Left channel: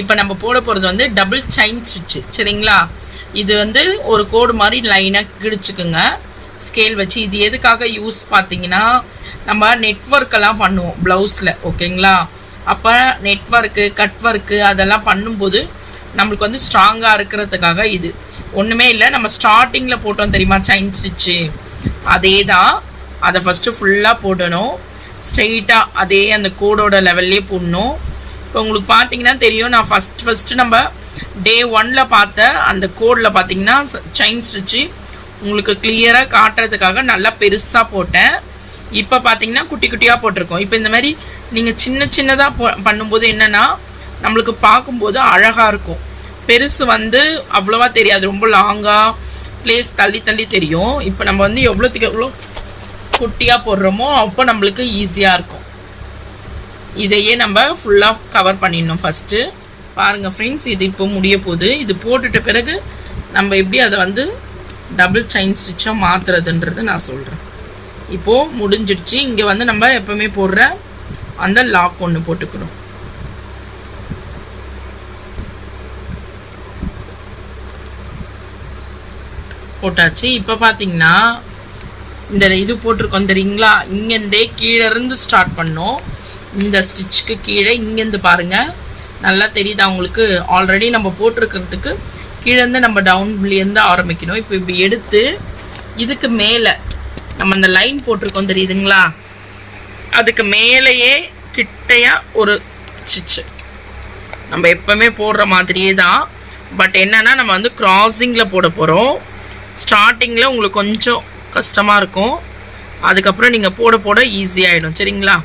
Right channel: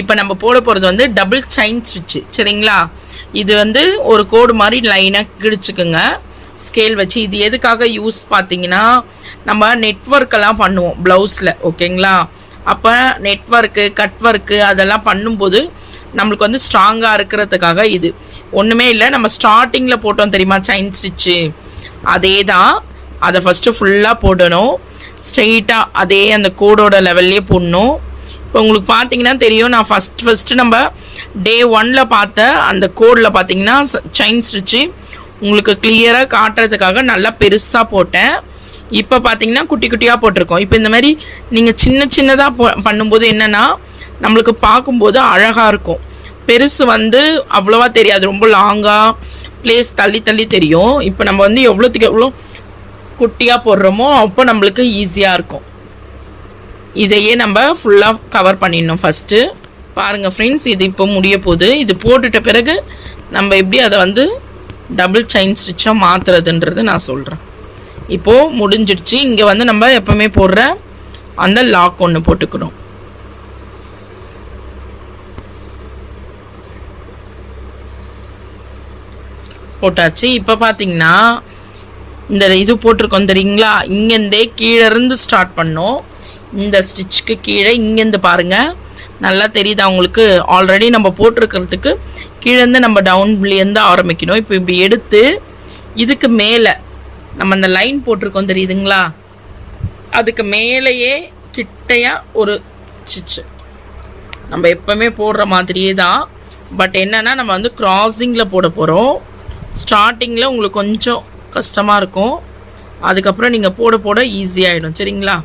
இப்போ நம்ம போட போகிறது வந்து டபுள் செயின் ஸ்டிச்சு. சரிங்களா? இது வந்து ஒரு கோடு மாதிரி லைனாக கிழிச்சுக்குங்க ஸ்கேல் வச்சு. இது எதுக்காக யூஸ் பார்த்தீங்கன்னா, நம்ம நெட்வொர்க்கெல்லாம் பண்ணுவோம் ப்ளவுஸில். ஓகேங்களா? அப்போ நெட்வொர்க்கு கட் ஒர்க்கு அதெல்லாம் பண்ணும்போது நம்மளுக்கு வந்து ஸ்ட்ராங்காக இருக்கிறதுக்காக இது. ஒன்றுமே இல்லை, நம்ம ஸ்டார்டிங்கில் போட்டோம் தெரியுமா செயின் ஸ்டிச்சு, அதே தான். அதை ஃபஸ்ட்டு ஃபுல்லாக போடணும். ஸ்ட்ரெயிட்டாக அதே அந்த கோடோட லெவல்லே போடணும். இப்போ உங்களுக்கு பார்த்தீங்கன்னா தெரியும், நான் ஃபஸ்ட்டு நம்ம டே 1ல் பார்த்த அந்த கோடில் பார்த்தீங்கன்னா செயின் ஸ்டிச்சு உங்களுக்கு கிளியராக காட்டுறதுக்காக நல்லா பெருசாக போட்டேன். இப்போ பார்த்தீங்கன்னா குட்டி குட்டியாக போட்டிருக்கோம். இப்போ இந்த மாதிரி நீங்கள் சின்னதாக பண்ணும்போது என்னென்னா நம்மளுக்கு பார்க்கும்போது அழகாக இருக்கும். பெருசு வந்து அவ்வளோவா தெரியாது, ரொம்ப லாங்காக பிளேஸ் தள்ளி தெரியும். இப்போ நம்ம வந்து எவ்வளோத்துக்கு எவ்வளோ குட்டியாக போடுறோமோ அப்போ நம்மளுக்கு ஈஸியாக இருக்கும். இதையே நம்ம ஃபுல்லாக கவர் பண்ணிடணும் ஃபஸ்ட்டு. பாருங்கள் ஃப்ரெண்ட்ஸ், இது இப்போ முடிய போகுது. இது போட்டுட்ட பிறகு நம்ம எப்படி அதை வந்து டபுள் செயின் ஸ்டிச்சாக மாற்றுறதுன்றது நான் சொல்கிறேன். இப்போது முடிஞ்சிடுச்சு. இங்கே வந்து நம்ம எப்போவுமே போடுற அந்த லாக் ஒன்று போட்டுக்கணும். போட்டாச்சு. இப்போ பார்த்தீங்கன்னா இந்த இது போட்டிருக்கோம் தெரியுங்களா, இங்கேருந்தே கீழேருந்து ஸ்டார்ட் பண்ணோம். இந்த ஸ்டிச்சுக்கு கீழே இங்கேருந்து பாருங்கள், நல்லா தெரியுதா உங்களுக்கு? ஆல்ரெடி நம்ம போட்டிருக்கிறதுக்கு கீழேருந்து நம்ம டவுன்லேருந்து ஆரம்பிக்கணும். இப்போ இப்படி எடுத்து இதுக்கு மேலே நம்ம அந்த லைன் போட்டிருக்கோம் தெரியுதுங்களா, அதுக்கு மேலேயே கிட்டையாக ஒரு ஸ்டிச்சு நம்ம எப்போவுமே போடுற மாதிரியே தான். பட் என்னென்னா நம்ம வந்து கிராஸிங்கில் போட போகிறோம். ஸ்டார்டிங்கில் உங்களுக்கு கொஞ்சம் கஷ்டமாக இருக்கும், அதுக்கப்புறம் நீங்கள் போட ஈஸியாகிடும். சரிங்களா?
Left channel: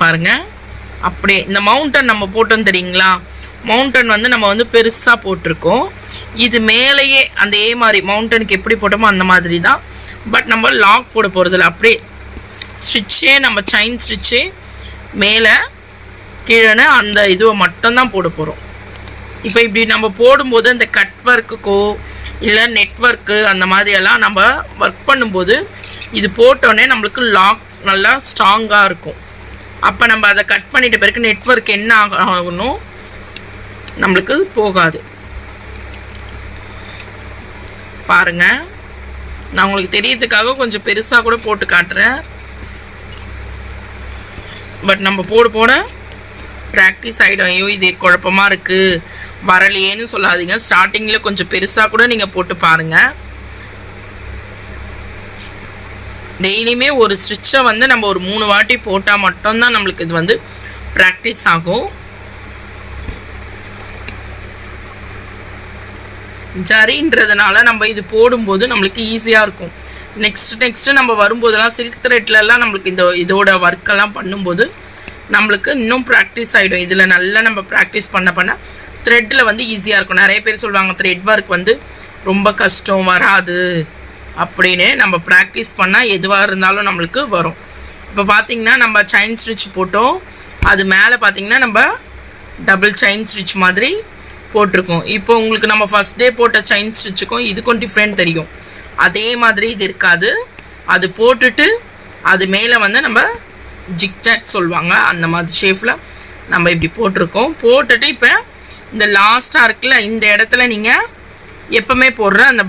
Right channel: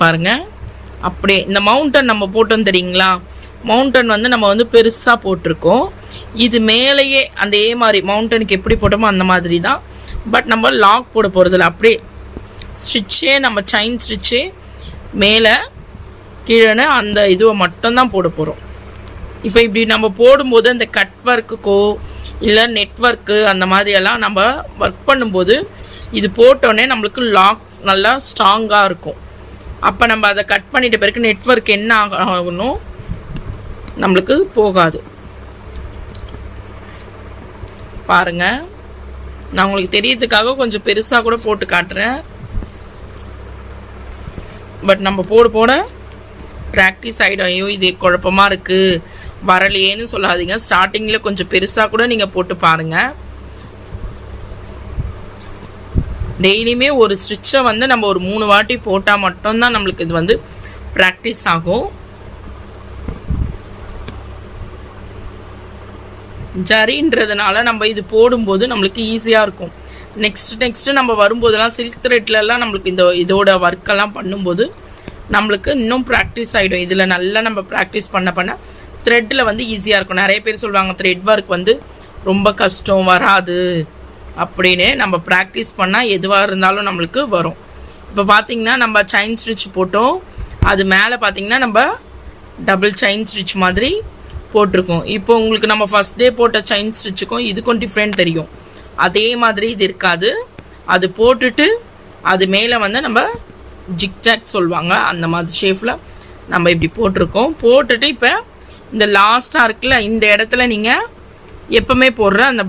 பாருங்கள், அப்படியே இந்த மவுண்டன் நம்ம போட்டோம் தெரியுங்களா, மவுண்டன் வந்து நம்ம வந்து பெருசாக போட்டிருக்கோம். இது மேலேயே அந்த மாதிரி மவுண்டனுக்கு எப்படி போட்டோமோ அந்த மாதிரி தான். பட் நம்ம லாக் போட போகிறதில்ல, அப்படியே ஸ்டிச்சே நம்ம செயின் ஸ்டிச்சே மேலே கீழே அந்த இதுவை மட்டும்தான் போட போகிறோம். இப்போ இப்படி நம்ம போடும்போது அந்த கட் ஒர்க்குக்கோ இல்லை நெட்வொர்க்கு அந்த மாதிரியெல்லாம் நம்ம ஒர்க் பண்ணும்போது இது போட்டோன்னே நம்மளுக்கு லாக் நல்லா ஸ்ட்ராங்காக இருக்கும். அப்போ நம்ம அதை கட் பண்ணிட்ட பிறகு நெட்வொர்க் என்ன ஆகணும் நம்மளுக்கு போகாது. பாருங்கள், நான் உங்களுக்கு தெரியறதுக்காக கொஞ்சம் பெருசாக கூட போட்டு காட்டுறேன். பட் நம்ம போட ப்ராக்டிஸ் ஆகிடும். ஐயோ இது குழப்பமாக இருக்குது வரலையேன்னு சொல்லாதீங்க. ஸ்டார்டிங்கில் கொஞ்சம் பெருசாக கூட நீங்கள் போட்டு பாருங்கள். டெய்லியுமே ஒரு ஸ்டிச்சை வந்து நம்ம ஒரு 3 வாட்டி போட்டால் மட்டும்தான் நம்மளுக்கு இது வந்து ப்ராக்டிஸ் ஆகும். ஜரின்றதுனால நம்ம இது போடும்போது நம்மளுக்கு ஈஸியாக இருக்கும். நெக்ஸ்ட்டு நம்ம வரும்போதெல்லாம் சில்க் த்ரெட்லலாம் நம்மளுக்கு இதோட ஒர்க்கெல்லாம் பண்ணும்போது நம்மளுக்கு இன்னும் ப்ராக்டிஸ் ஆகிடும். இதில் நல்லா நம்ம ப்ராக்டிஸ் பண்ண த்ரெட்டில் வந்து ஈஸியாக இருக்கும். நிறைய பேர் சொல்லுவாங்க த்ரெட் ஒர்க் வந்து ரொம்ப கஷ்டம் வராது அப்படின்னு. நம்ம ப்ராக்டிஸ் பண்ணால் எதுவாக இருந்தாலும் நம்மளுக்கு வரும். இப்போ பார்த்திங்கன்னா நம்ம செயின் ஸ்டிச் போட்டோம், அது மேலே பார்த்திங்கன்னா நம்ம டபுள் செயின் ஸ்டிச் மாதிரி போட்டிருக்கோம். இப்போ உங்களுக்கு நம்ம ஃபஸ்ட் டே போட்ட செயின் ஸ்டிச்சுக்கும் இதுக்கும் டிஃப்ரெண்ட் தெரியும். அதே மாதிரி இது இருக்காது. அது போட்டுட்டு அது மேலே வந்து நம்ம ஜிக்ஜாக் சொல்லுவாங்க, அந்த மாதிரி ஷேப்பில் நம்ம இப்படி போட்டிருக்கோம். போட்டுட்டு இப்போ இந்த லாஸ்ட்டாக இருக்குல்ல, இந்த இடத்துல நீங்கள் எப்போவுமே போடுற அந்த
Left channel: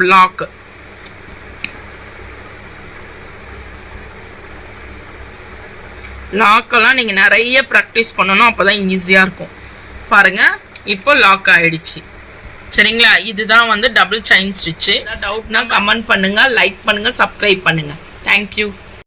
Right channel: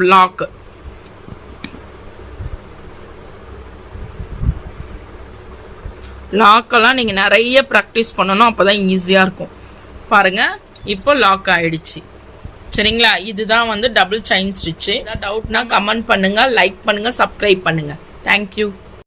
லாக்கெல்லாம் நீங்கள் நிறைய ப்ராக்டிஸ் பண்ணணும், அப்போ தான் ஈஸியாக இருக்கும். பாருங்கள், இப்போ லாக் ஆகிடுச்சு. சரிங்களா? இதுதான் வந்து டபுள் செயின் ஸ்டிச்சு. டவுட்னா கமெண்ட் பண்ணுங்கள், லைக் பண்ணுங்கள், சப்ஸ்கிரைப் பண்ணுங்கள். தேங்க்யூ.